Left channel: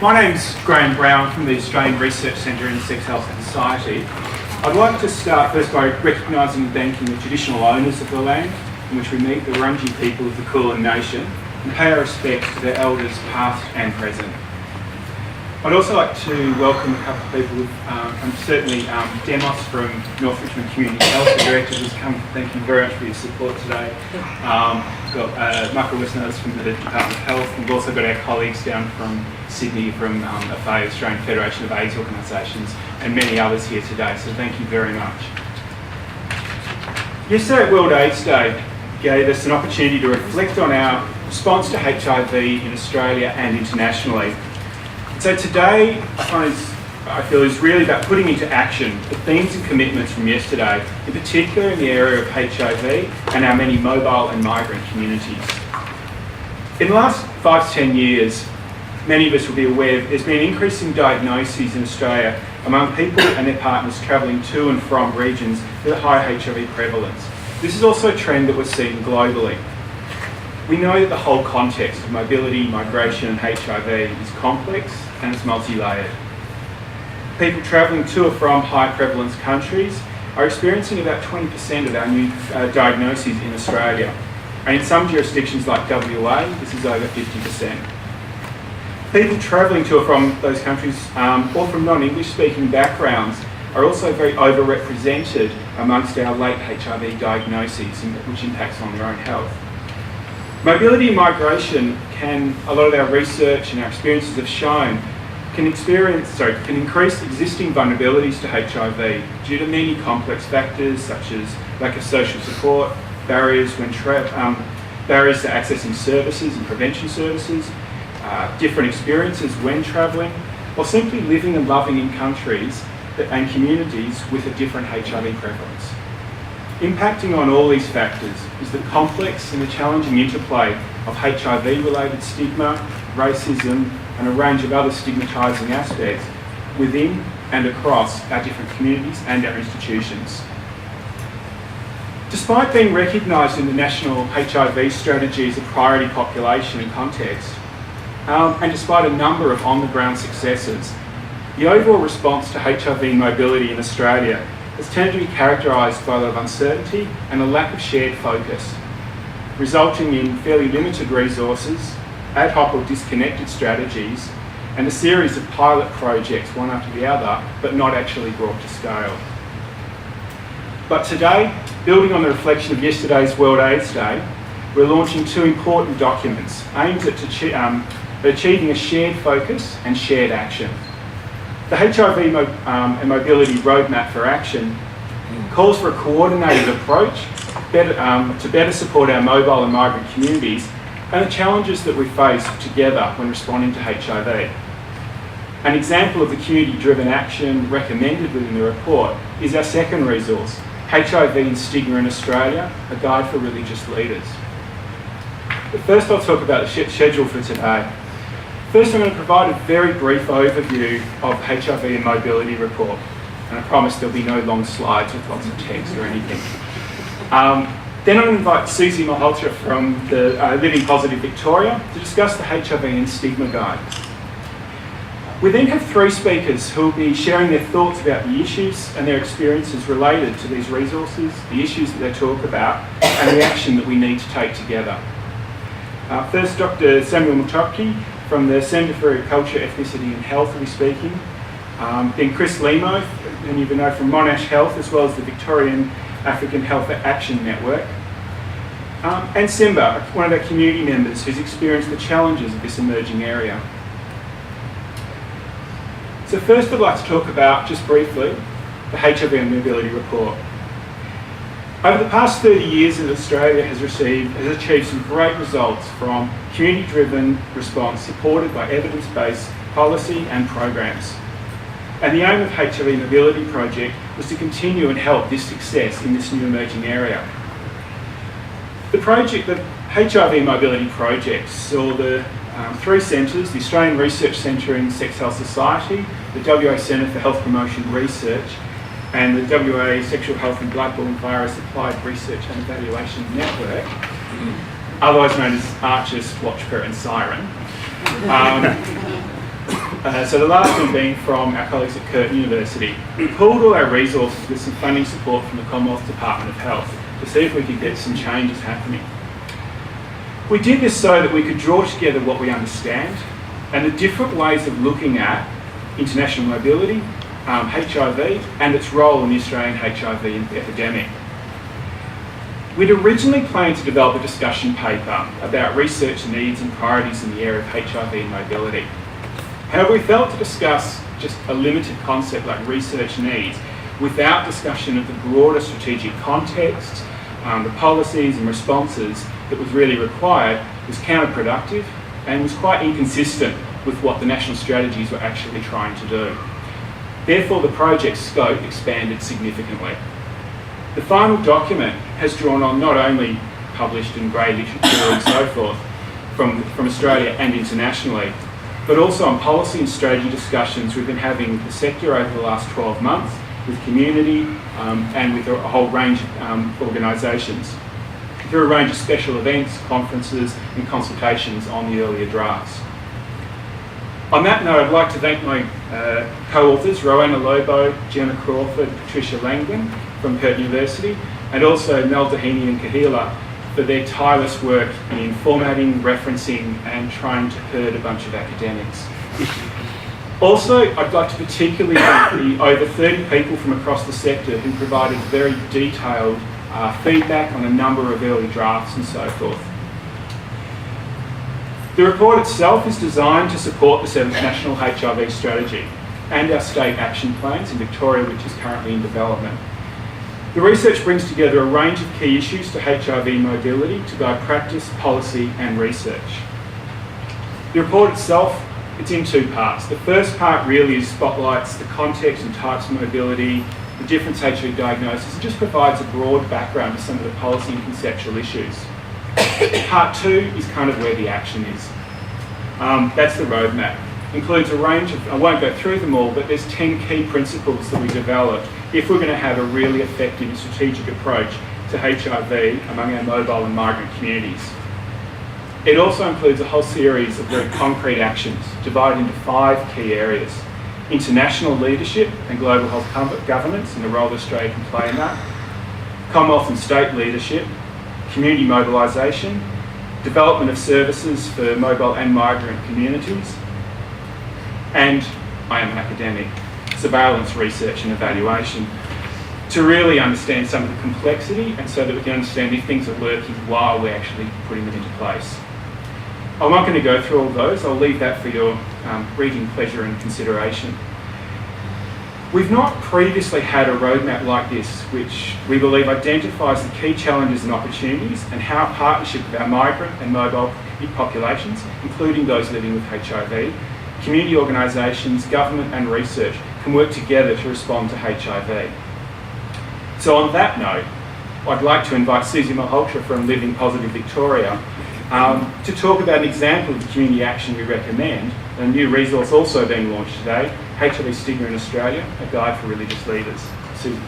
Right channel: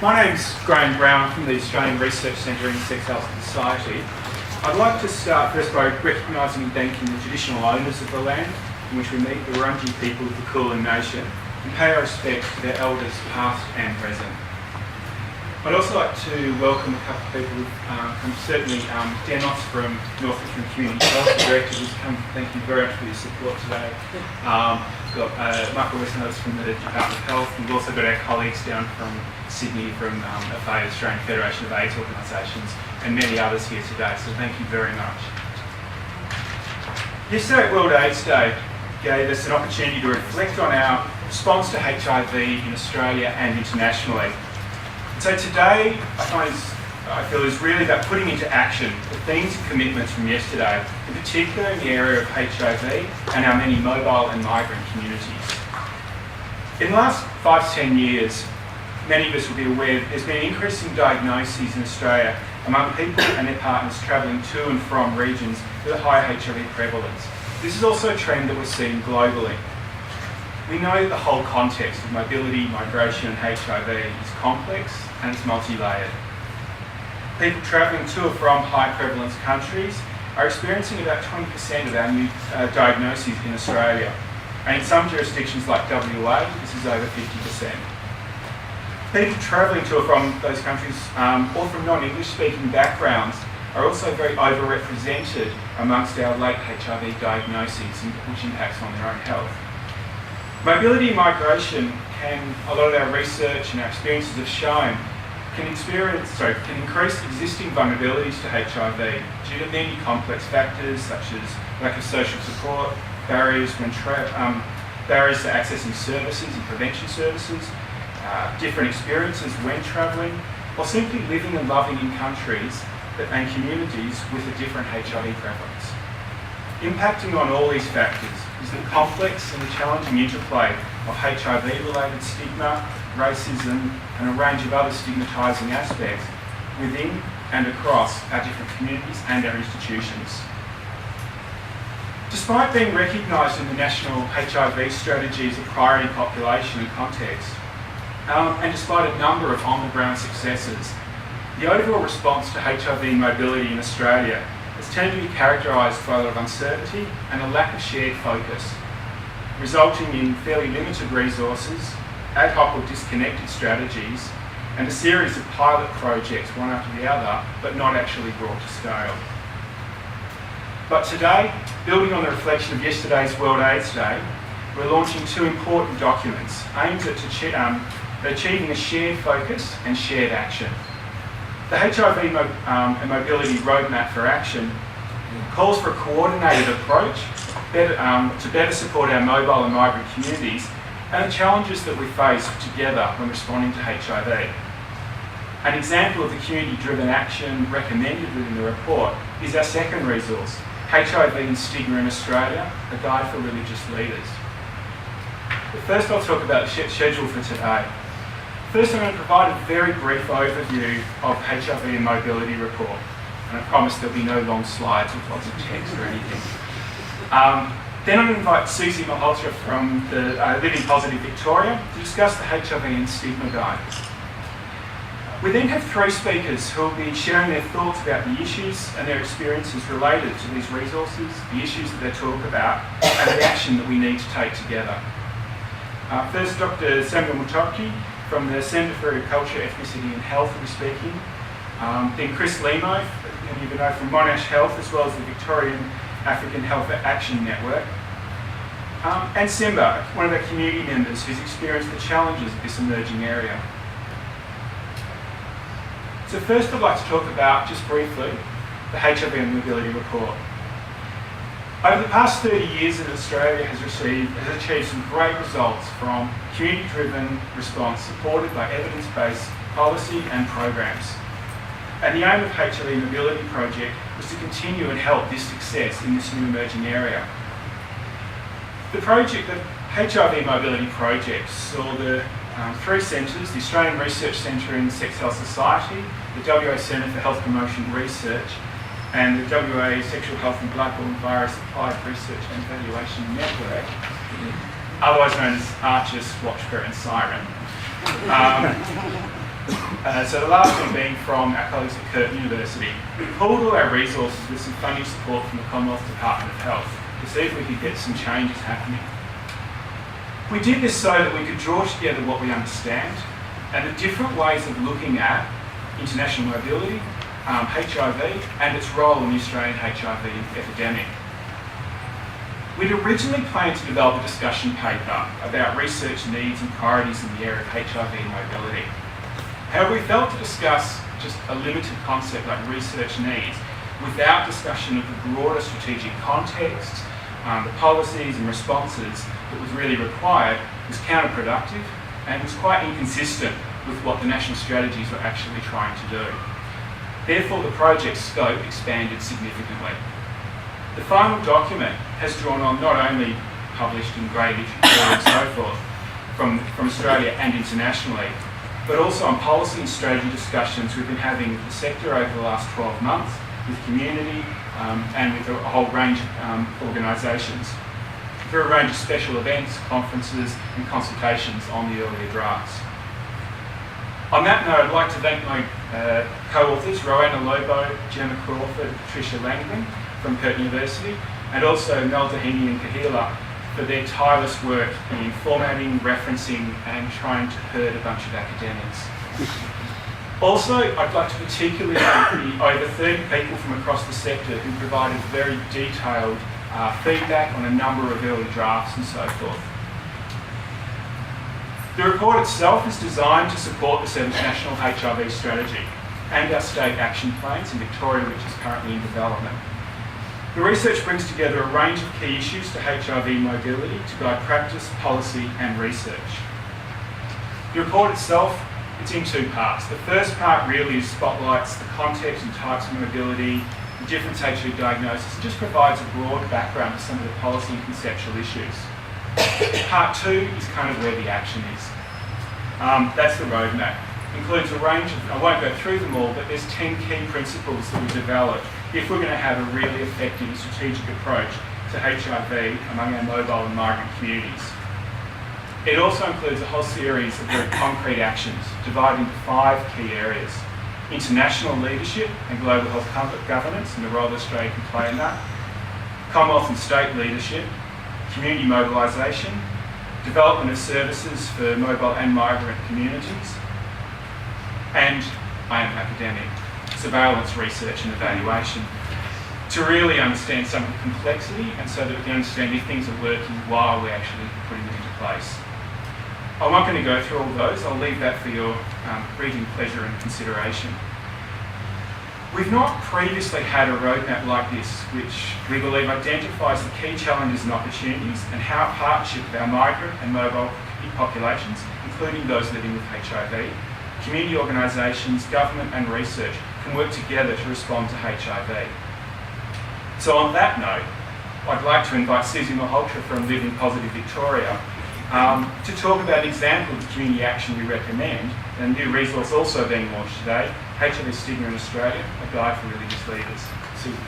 My name's Graham Brown from the Australian Research Centre in Sex Health and Society. I'd like to start first by recognising and thanking the traditional owners of the land in which we meet, the Wurundjeri people of the Kulin Nation, and pay our respects to their elders past and present. I'd also like to welcome a couple of people certainly Demos from North Richmond Community Health, the director who's come. Thank you very much for your support today. We've got Michael Wisners from the Department of Health, and we've also got our colleagues down from Sydney from AFA, Australian Federation of AIDS Organisations, and many others here today, so thank you very much. Yesterday, World AIDS Day gave us an opportunity to reflect on our response to HIV in Australia and internationally. And so today, I feel is really about putting into action the themes and commitments from yesterday, in particular in the area of HIV and our many mobile and migrant communities. In the last 5 to 10 years, many of us will be aware that there's been increasing diagnoses in Australia among people and their partners travelling to and from regions with a high HIV prevalence. This is also a trend that we're seeing globally. We know that the whole context of mobility, migration and HIV is complex and it's multi-layered. People travelling to or from high prevalence countries are experiencing about 20% of our new diagnoses in Australia. And in some jurisdictions like WA, this is over 50%. People travelling to or from those countries or from non-English speaking backgrounds are also very overrepresented amongst our late HIV diagnoses, which impacts on their own health. Mobility and migration a lot of our research and our experiences have shown, can increase existing vulnerabilities to HIV due to many complex factors such as lack of social support, barriers to accessing services and prevention services, different experiences when travelling, or simply living and loving in countries and communities with a different HIV prevalence. Impacting on all these factors is the complex and the challenging interplay of HIV-related stigma, racism, and a range of other stigmatising aspects within and across our different communities and our institutions. Despite being recognised in the national HIV strategy as a priority population and context, and despite a number of on-the-ground successes, the overall response to HIV mobility in Australia has tended to be characterised by a lot of uncertainty and a lack of shared focus, resulting in fairly limited resources, ad hoc or disconnected strategies, and a series of pilot projects, one after the other, but not actually brought to scale. But today, building on the reflection of yesterday's World AIDS Day, we're launching 2 important documents aimed at achieving a shared focus and shared action. The HIV and Mobility Roadmap for Action calls for a coordinated approach to better support our mobile and migrant communities and the challenges that we face together when responding to HIV. An example of the community-driven action recommended within the report is our second resource, HIV and Stigma in Australia, a guide for religious leaders. But first I'll talk about the schedule for today. First, I'm going to provide a very brief overview of HIV and Mobility Report, and I promise there'll be no long slides with lots of text or anything. Then I'm going to invite Susie Malhotra from the Living Positive Victoria to discuss the HIV and Stigma Guide. We then have 3 speakers who will be sharing their thoughts about the issues and their experiences related to these resources, the issues that they talk about, and the action that we need to take together. First, Dr. Samuel Mutoki from the Centre for Culture, Ethnicity and Health will be speaking. Then Chris Lemo, whom you know from Monash Health, as well as the Victorian African Health Action Network. And Simba, one of our community members who's experienced the challenges of this emerging area. So first I'd like to talk about, just briefly, the HIV and Mobility Report. Over the past 30 years, Australia has achieved some great results from community-driven response supported by evidence-based policy and programs. And the aim of HIV Mobility Project was to continue and help this success in this new emerging area. The HIV Mobility Project saw the 3 centres, the Australian Research Centre in Sex Health Society, the WA Centre for Health Promotion Research, and the WA Sexual Health and Bloodborne Virus Applied Research and Evaluation Network, otherwise known as ARCHES, WATCHPER and SIREN, So the last one being from our colleagues at Curtin University. We pooled all our resources with some funding support from the Commonwealth Department of Health to see if we could get some changes happening. We did this so that we could draw together what we understand and the different ways of looking at international mobility, HIV, and its role in the Australian HIV epidemic. We'd originally planned to develop a discussion paper about research needs and priorities in the area of HIV and mobility. However, we felt to discuss just a limited concept like research needs without discussion of the broader strategic context, the policies and responses that was really required was counterproductive and was quite inconsistent with what the national strategies were actually trying to do. Therefore, the project's scope expanded significantly. The final document has drawn on not only published in grey literature and so forth from Australia and internationally, but also on policy and strategy discussions we've been having with the sector over the last 12 months, with community and with a whole range of organisations, through a range of special events, conferences and consultations on the earlier drafts. On that note, I'd like to thank my co-authors, Rowena Lobo, Gemma Crawford, Patricia Langdon from Curtin University, and also Mel Doheny and Kahila for their tireless work in formatting, referencing and trying to herd a bunch of academics. Also, I'd like to particularly thank the over 30 people from across the sector who provided very detailed feedback on a number of early drafts and so forth. The report itself is designed to support the 7th National HIV Strategy and our state action plans in Victoria, which is currently in development. The research brings together a range of key issues to HIV mobility to guide practice, policy and research. The report itself, it's in two parts. The first part really spotlights the context and types of mobility, the different HIV diagnoses, and just provides a broad background to some of the policy and conceptual issues. Part two is kind of where the action is. That's the roadmap. Includes a range of, I won't go through them all, but there's 10 key principles that we developed if we're going to have a really effective and strategic approach to HIV among our mobile and migrant communities. It also includes a whole series of very concrete actions divided into 5 key areas: international leadership and global health governance and the role Australia can play in that, Commonwealth and state leadership, community mobilisation, development of services for mobile and migrant communities, and I am an academic, surveillance, research and evaluation, to really understand some of the complexity and so that we can understand if things are working while we're actually putting them into place. I'm not going to go through all those, I'll leave that for your reading pleasure and consideration. We've not previously had a roadmap like this, which we believe identifies the key challenges and opportunities and how a partnership with our migrant and mobile populations, including those living with HIV, community organisations, government and research can work together to respond to HIV. So on that note, I'd like to invite Susie Malhotra from Living Positive Victoria to talk about an example of the community action we recommend, and a new resource also being launched today, HIV Stigma in Australia, a guide for religious leaders. Susie.